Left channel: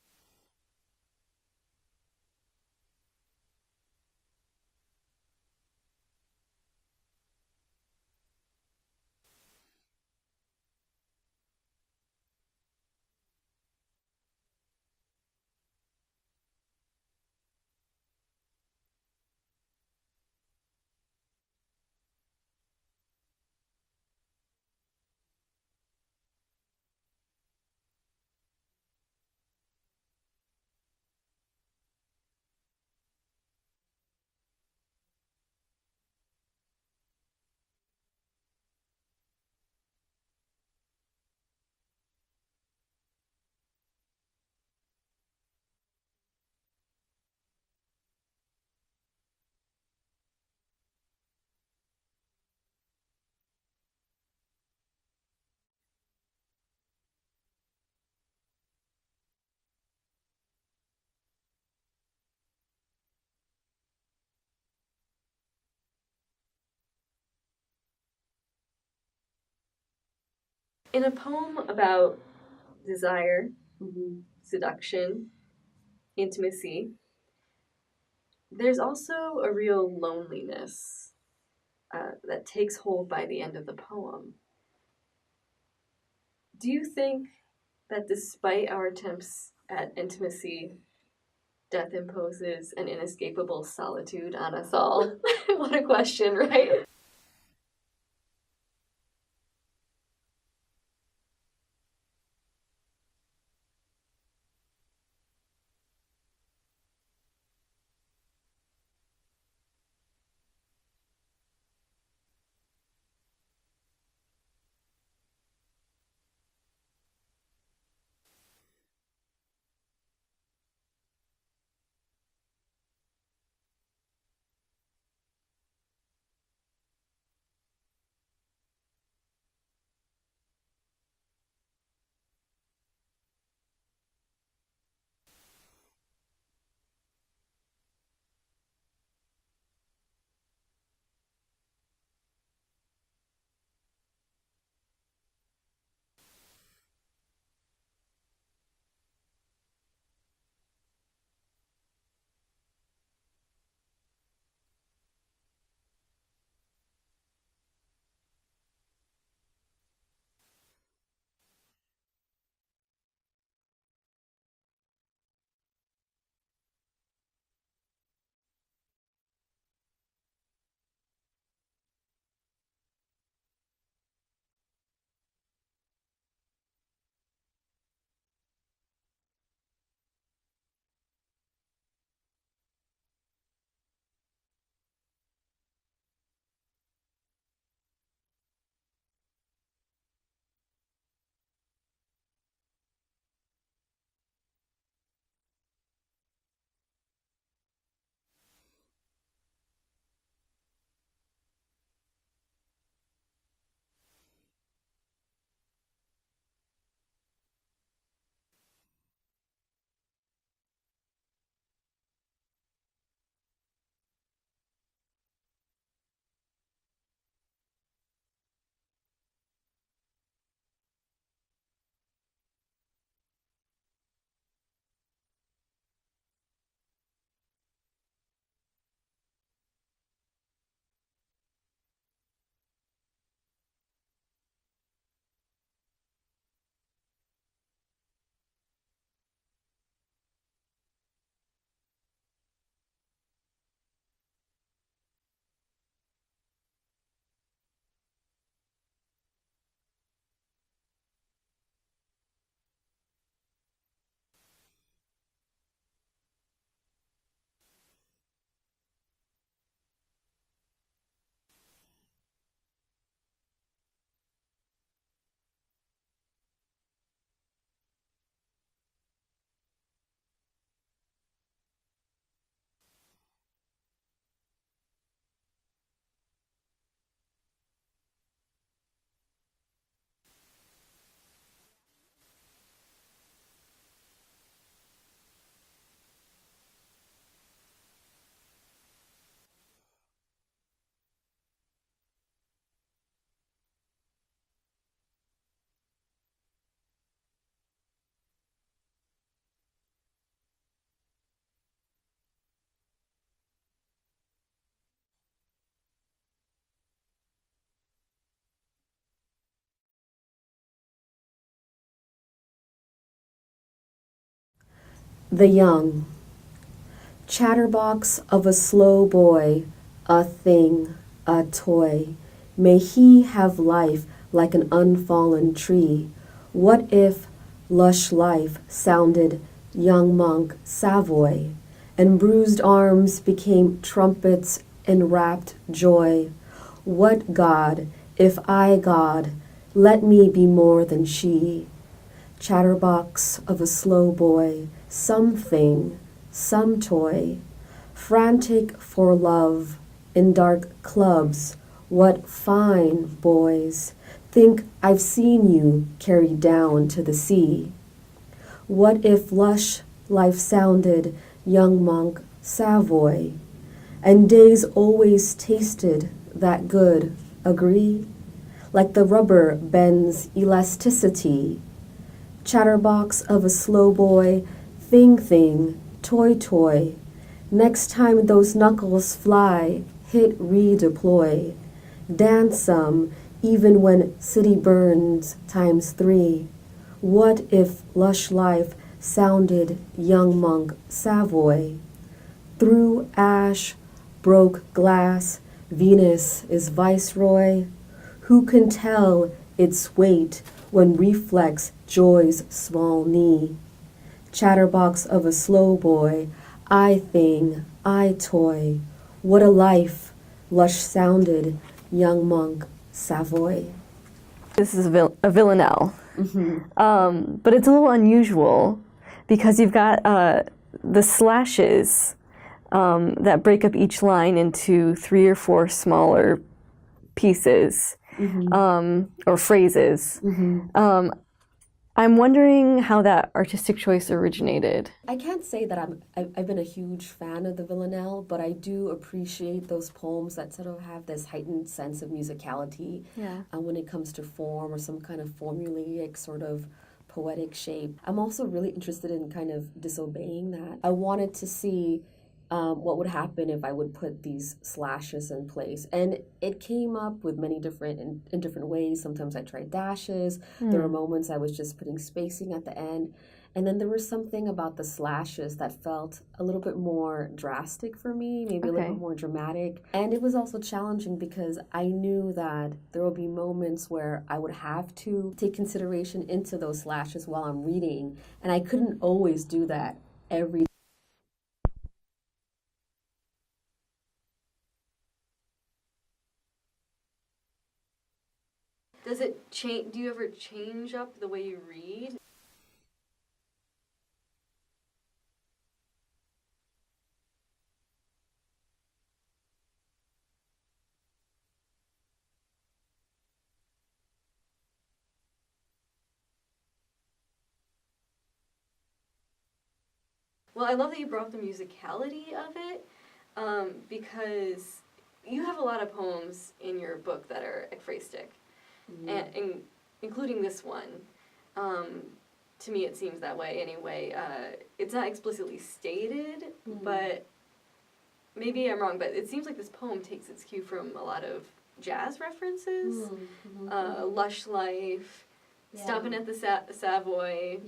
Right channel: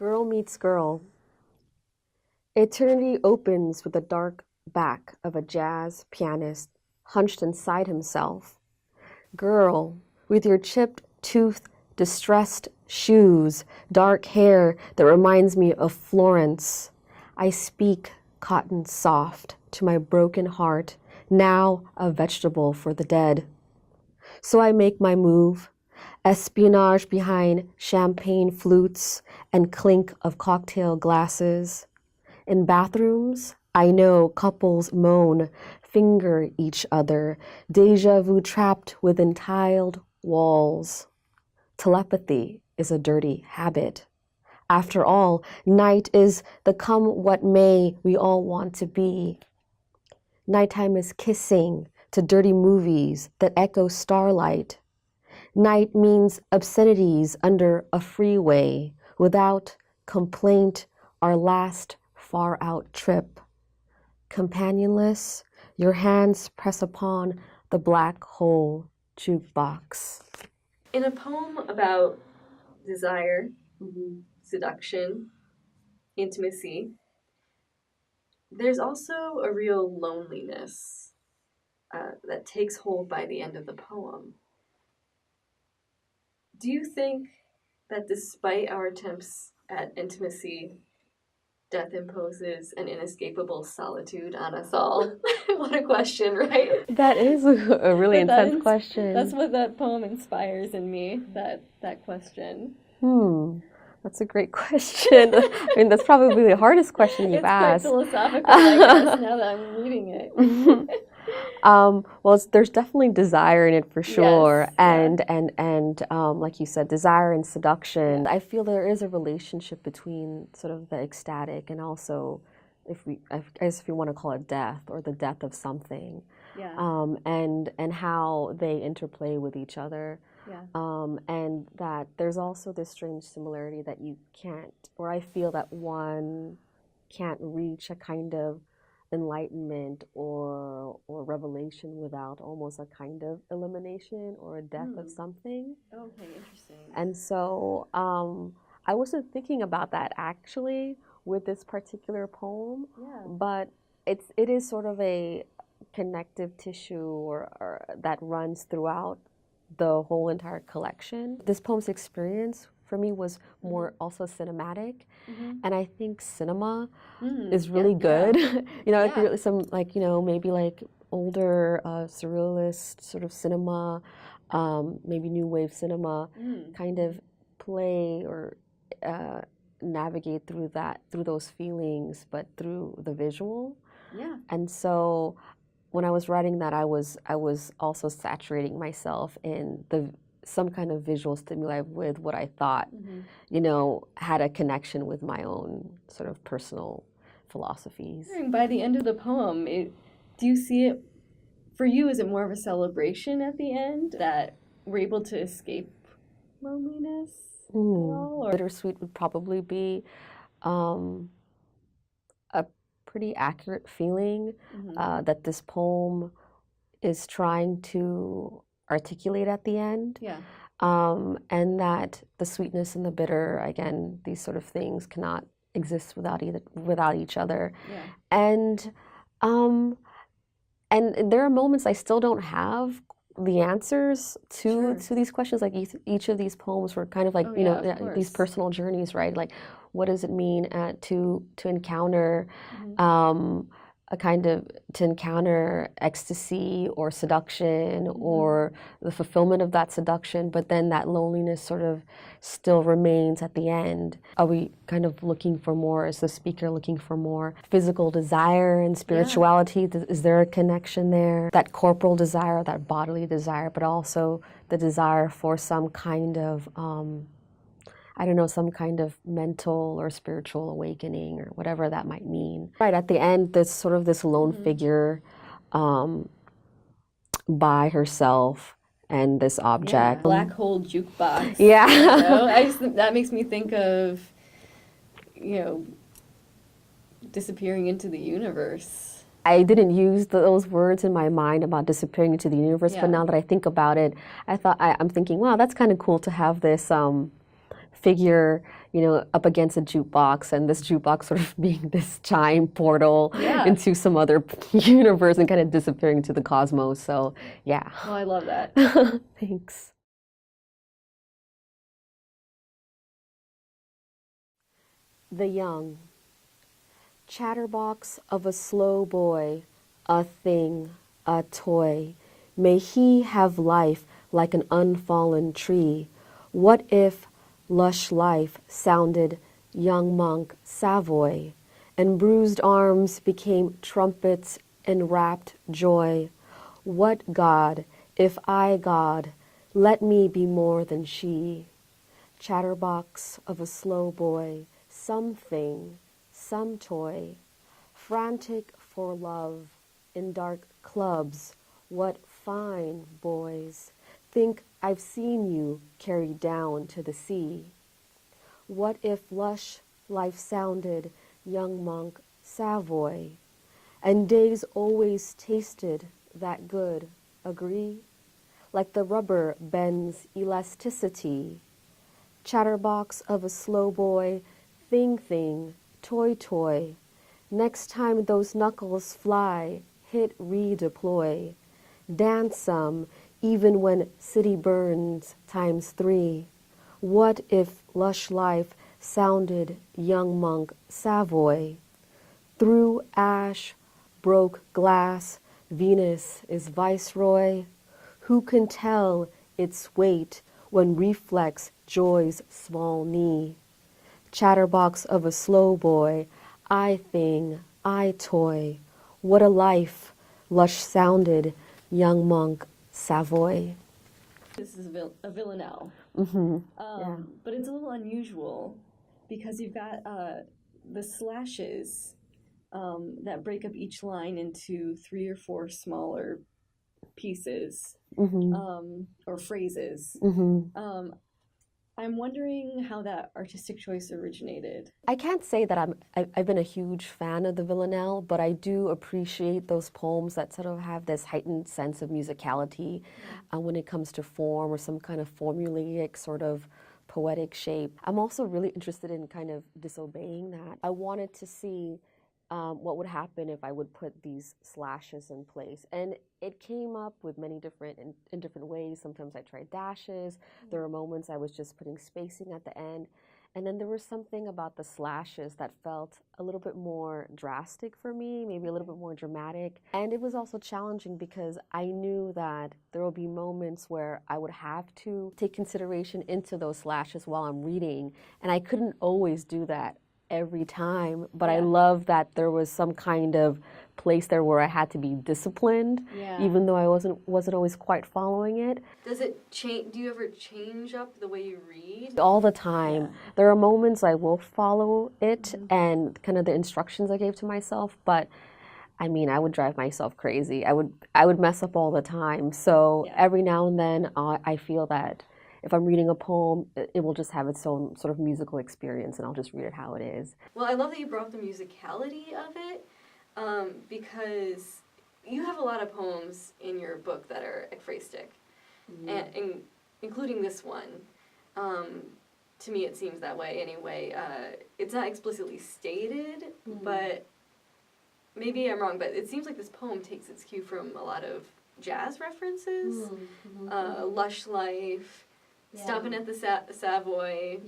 Girl meets girl. Eternity opens with the dark back of a jazz pianist hunched inside himself. Girl, with your chipped tooth, distressed shoes, dark hair that reminds me of Florence. I speak cotton soft to my broken heart, now a vegetable for the dead. So I make my move, espionage behind champagne flutes and clink of cocktail glasses. In bathrooms, I know couples moan, finger each other, deja vu trapped within tiled walls. Telepathy is a dirty habit. After all, night is the come what may we all want to be. Nighttime is kissing to dirty movies that echo starlight. Night means obscenities under a freeway without complaint, our last far-out trip. Companionless, your hands press upon the black hole jukebox. In a poem about desire, seduction, intimacy, there's also a real loneliness that takes hold by the end of the poem. Do you think that despite our attempts at intimacy, death imposes an inescapable solitude on us all? What a question, right? That is a really intense question. That's what that poem inspires in me, that question. That's a great question. I mean, that's probably the hardest question you've asked. It's quite philosophical, I guess, now that I'm reading it. Well, there's definitely desire in it for sure, Yes, and like you said, desire and seduction. I feel there is a relationship between sort of the ecstatic and also, I guess if you want to call it death or the death of something, and how they interplay with each other. And that there's also this strange similarity that you can't, or I feel that one can't reach a kind of enlightenment or revelation without almost a kind of elimination or a death of something. Okay, interesting. And so I wasn't thinking about that actually with this particular poem, but it is sort of a connective tissue or that runs throughout the whole entire collection. This poem's experience for me was more also cinematic, and I think cinema is really good. You know, like some maybe like older surrealist sort of cinema, maybe new wave cinema, kind of play or navigate through those feelings, but through the visual. And so when I was writing that, I was also saturating myself in some kind of visual stimuli with what I thought, had a connection with my own sort of personal philosophies. By the end of the poem, do you see it, for you, is it more of a celebration at the end that we're able to escape loneliness at all? Or? Bittersweet would probably be a pretty accurate feeling that this poem is trying to articulate at the end. And that the sweetness and the bitter, again, these sort of things cannot exist without each other. And there are moments I still don't have the answers to these questions. Like each of these poems were kind of like these personal journeys, right? Like, what does it mean to encounter to encounter ecstasy or seduction or the fulfillment of that seduction, but then that loneliness sort of still remains at the end. Are we kind of looking for more? Is the speaker looking for more physical desire and spirituality? Is there a connection there? That corporal desire, that bodily desire, but also the desire for some kind of some kind of mental or spiritual awakening or whatever that might mean. Right, at the end, there's sort of this lone figure by herself and this object. Black hole jukebox. That makes me think of, disappearing into the universe. I didn't use those words in my mind about disappearing into the universe, but now that I think about it, I'm thinking, wow, that's kind of cool to have this figure, you know, up against a jukebox, and this jukebox sort of being this chime portal into some other universe and kind of disappearing into the cosmos. So, yeah. Oh, I love that. Thanks. The young. Chatterbox of a slow boy, a thing, a toy. May he have life like an unfallen tree. What if lush life sounded young monk Savoy, and bruised arms became trumpets in rapt joy? What God, if I God, let me be more than she. Chatterbox of a slow boy, something, some toy, frantic for love in dark clubs. What fine boys think I've seen you carried down to the sea. What if lush life sounded young monk Savoy, and days always tasted that good, agree? Like the rubber bends elasticity. Chatterbox of a slow boy, thing, toy. Next time those knuckles fly, hit redeploy. Dance some, even when city burns ×3. What if lush life sounded young monk Savoy? Through ash, broke glass, Venus is viceroy. Who can tell its weight when reflex joy's small knee? Chatterbox of a slow boy, I thing, I toy. What a life, lush sounded young monk Savoy. This is a villanelle, but it's a little unusual because you've got the slashes that break up each line into 3 or 4 smaller pieces or phrases. I'm wondering how that artistic choice originated. I can't say that I've been a huge fan of the villanelle, but I do appreciate those poems that sort of have this heightened sense of musicality when it comes to form or some kind of formulaic sort of poetic shape. I'm also really interested in kind of disobeying that. I wanted to see what would happen if I would put these slashes in place. And it came up with many different, in different ways. Sometimes I tried dashes. There were moments I was just putting spacing at the end. And then there was something about the slashes that felt a little bit more drastic for me, maybe a little bit more dramatic. And it was also challenging because I knew that there will be moments where I would have to take consideration into those slashes while I'm reading. And I couldn't always do that every time, but I love that there was some kind of place there where I had to be disciplined, even though I wasn't always quite following it. Does it change? Do you ever change up the way you read? All the time. There are moments I will follow it and kind of the instructions I gave to myself, but I mean, I would drive myself crazy. I would mess up all the time. So every now and then I feel that if I'm reading a poem, it will just have its own sort of musical experience, and I'll just read it how it is. Well, I love that you brought up the musicality of it, because you have a lot of poems in your book that are ekphrastic, and including this one. To me, it seems that way anyway. It's not explicitly stated, but maybe I'm wrong, but it seems like this poem takes its cue from a lot of jazz references, lush life, stopping at the Savoy,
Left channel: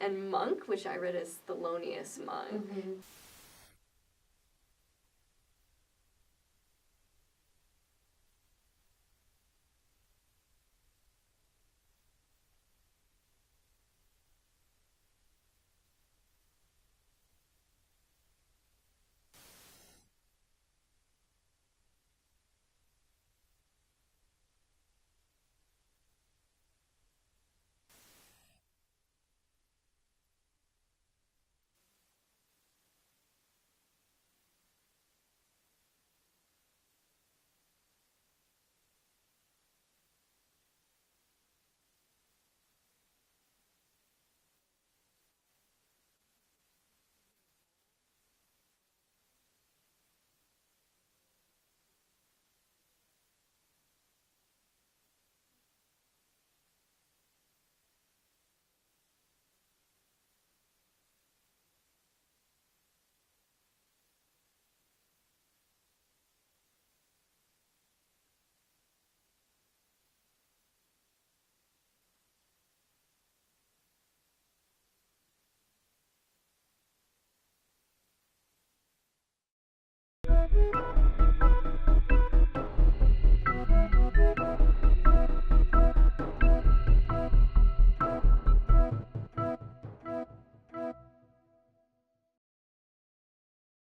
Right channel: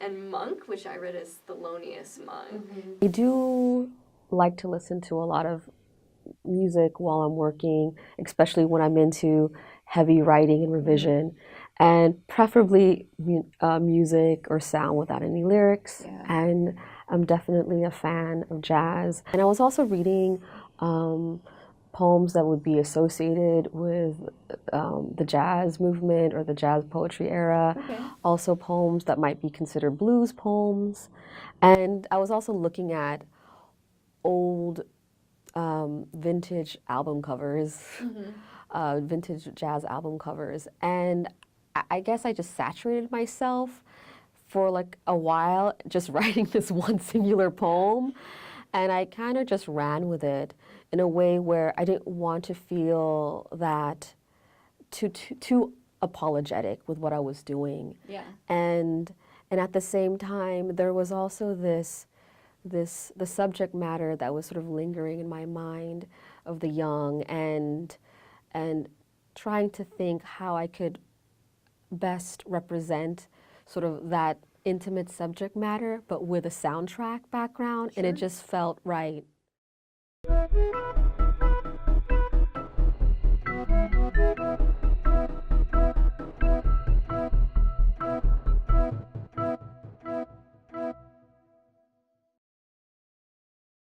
and Monk, which I read as Thelonious Monk. I do like to listen to a lot of music while I'm working, especially when I'm into heavy writing and revision, and preferably music or sound without any lyrics. And I'm definitely a fan of jazz. And I was also reading poems that would be associated with the jazz movement or the jazz poetry era. Also poems that might be considered blues poems. And I was also looking at old vintage album covers, vintage jazz album covers. And I guess I just saturated myself for like a while just writing this one singular poem. And I kind of just ran with it in a way where I didn't want to feel that too apologetic with what I was doing. And And at the same time, there was also the subject matter that was sort of lingering in my mind of the young, and trying to think how I could best represent sort of that intimate subject matter, but with a soundtrack background, and it just felt right.